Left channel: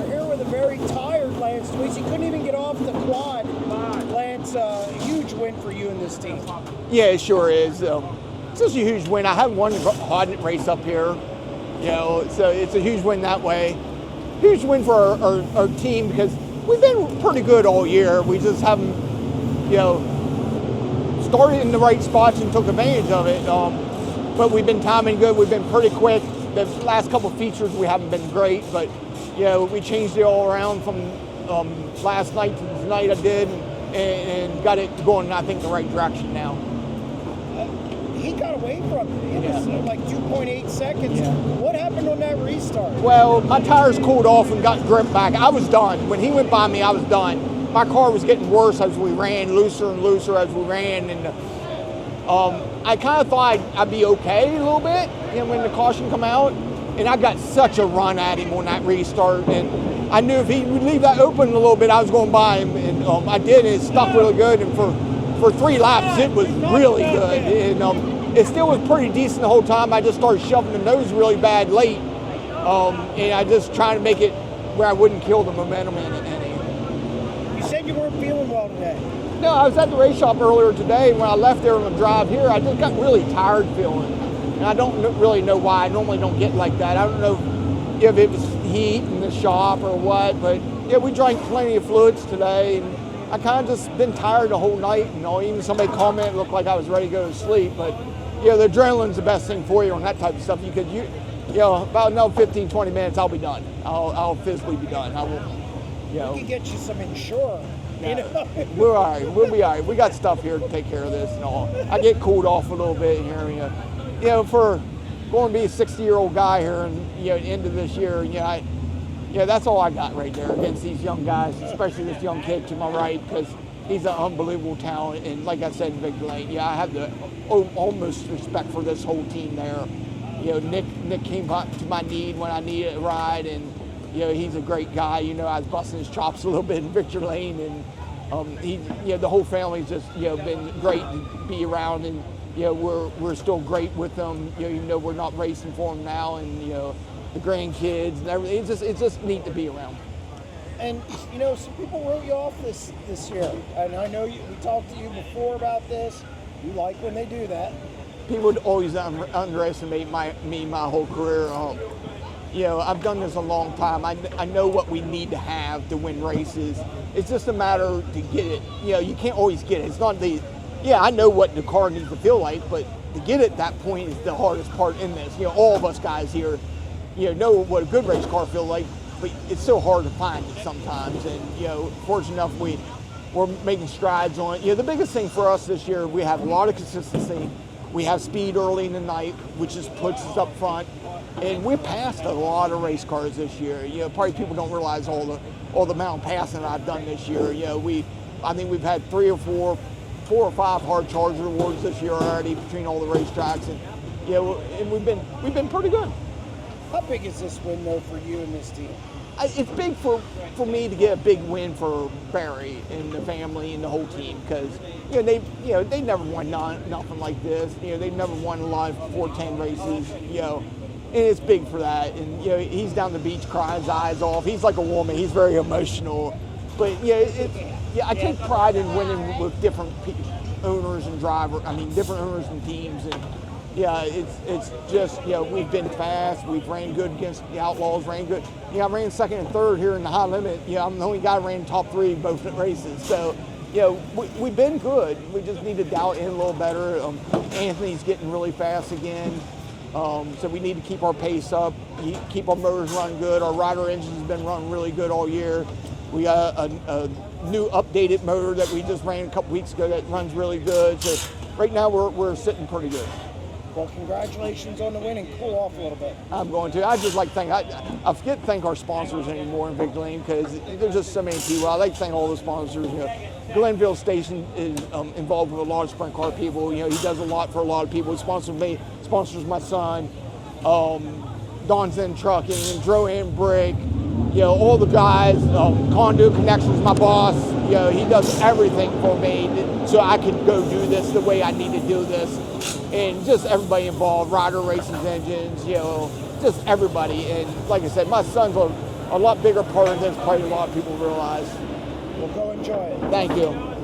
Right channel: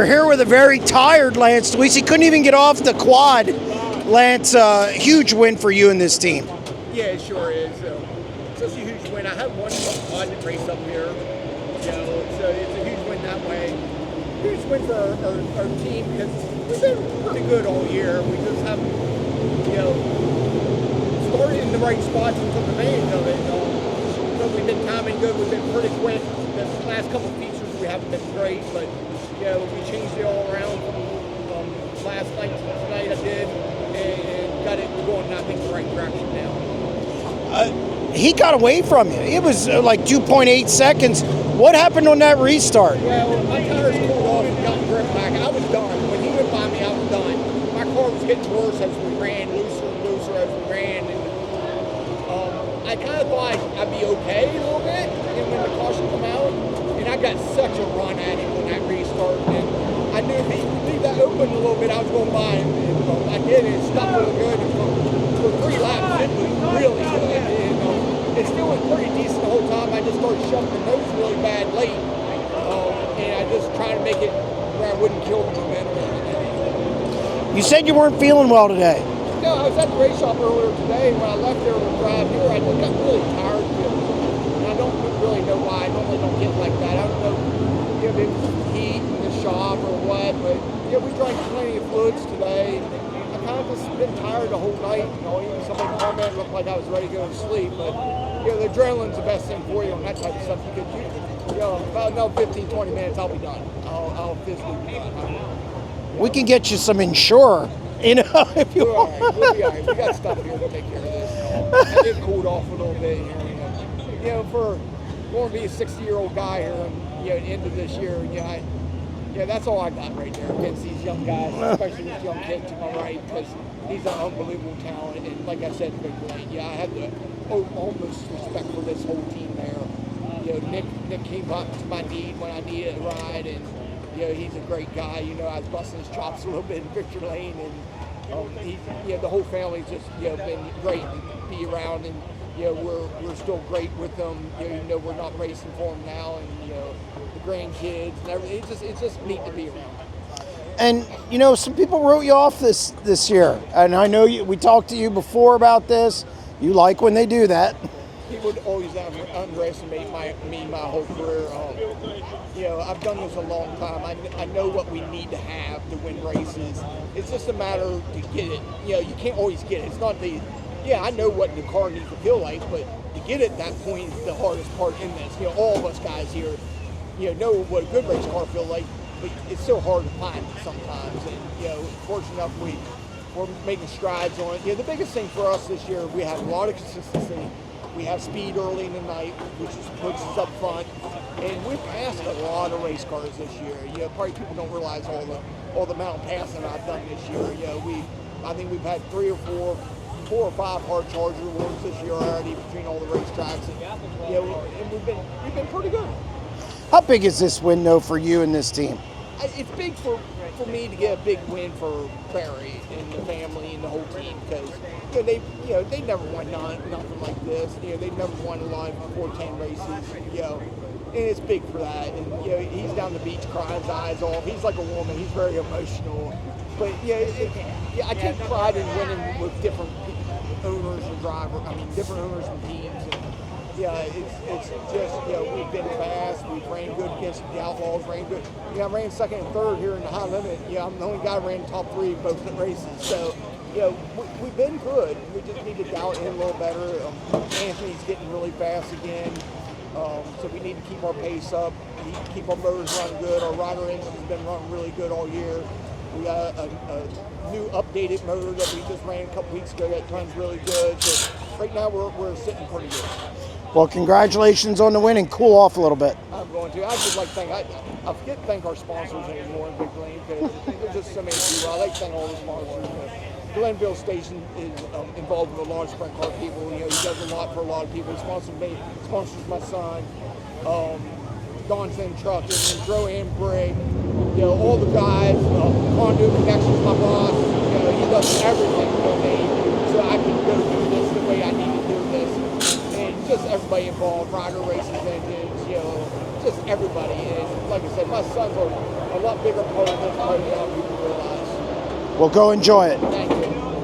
We're here with a very tired Lance Dewease. He couldn't even get off the quad. Lance, huge win for you and this team. Yeah, it sure is. It's just a huge win. I have one Hodnett race up here. It's a huge win that way. Huge win for our team because we've been pretty good all year. We just haven't, started in the right spots and took advantage of it. But we've been timing good. We've been pretty quick. The last couple of features we haven't been great, but we changed it all around from last night to tonight. I did, and got it going, I think, the right direction now. He got away from you. It was like 2.8 seconds. What happened on that restart? Well, my tires cooled off and got grip back. I was done. When he went by me, I was done. My car was getting worse as we ran, looser and looser as we ran, and I kind of thought I'd be okay a little bit when the caution come out, and I got such a run at him on that restart, and I knew if he would leave that open a little bit, I was going by him, and I did, and it stuck really good, and for 3 laps, it was really good, and it still was pretty decent the whole time. I just started shoving the nose really bad late, and I just trying to make it where I wouldn't kill the momentum. You said you weren't feeling well today. Yeah, I was at the race shop earlier today, and when I left there on the drive here, I just got really tired feeling. And I don't really know why. I normally don't get like that. I don't know if it's heat in the shop or what, but yeah, we drank plenty of fluids today. And I kind of just been tired the whole night. Even somebody commented, it looked like I was ready to go to sleep. But the adrenaline's the best thing for you on that type of stuff. About another 15, 20 minutes, I'll be done. I'll physically be done. We can get you some Ensure. If you're all right. We'll be all right. We got stuff here to take care of this. I get cooled off a little bit here. For going to be a 60-year-old guy here and at the end of this year, that's all I got right there against these young guys, especially this young kid to my right, because he's an unbelievable talent. And like I said in Big Lane, I have the almost respect for this whole team there. Nick came up to my need when I needed a ride, and he's a great guy. I was busting his chops a little bit in Victor Lane, and the whole family's just been great to be around, and we're still great with them. We're not racing for them now, and the grandkids and everything. It's just neat to be around. And some people wrote you off this year, and I know we talked to you before about this. You like when they do that. People would always underestimate me my whole career. I've done this a long time. I know what we need to have to win races. It's just a matter to get it. You can't always get it. It's not I know what the car needs to feel like, but to get it at that point is the hardest part in this. All of us guys here, know what a good race car feels like, but it's so hard to find it sometimes. And, fortunate enough, we're making strides on it. The biggest thing for us this year, we have a lot of consistency. We have speed early in the night, which just puts us up front. And we're past a lot of race cars this year. Probably people don't realize all the amount of passing I've done this year. I think we've had 4 or 5 hard charger awards this year already between all the racetracks, and we've been pretty good. How big is this win though for you and this team? It's big for me to get a big win for Barry and the family and the whole team, because they never won nothing like this. They've never won a lot of 410 races. And it's big for that. And he's down the beach crying his eyes off. He's like a woman. He's very emotional. But I take pride in winning with different owners and drivers. Different owners and teams. And it's just we've been fast. We've ran good against the Outlaws. Ran good. I ran second and third here in the high limit. I'm the only guy who ran top 3 both in races. So we've been good. We just need to dial it in a little better. Anthony's getting really fast again. So we need to keep our pace up, keep our motors running good. Our rider engine has been running really good all year. We got a new updated motor that we just ran a couple weeks ago that runs really good. So right now we're sitting pretty good. Well, congratulations on the win, and cool off a little bit. I'm going to. I just like to thank, I forget to thank our sponsors anymore in Big Lane, because there's just so many people. I like to thank all the sponsors. Glenville Station is involved with a lot of sprint car people. He does a lot for a lot of people. He sponsors me, sponsors my son, Don's in Trucking, and Dro and Brig. All the guys, Conduit Connections, my boss. He does everything for me, so I can go do this the way I need to do this. And just everybody involved, Rider Racing Engines, just everybody. And like I said, my son's a lot bigger part of this, probably a lot of people realize. Well, go enjoy it. Thank you.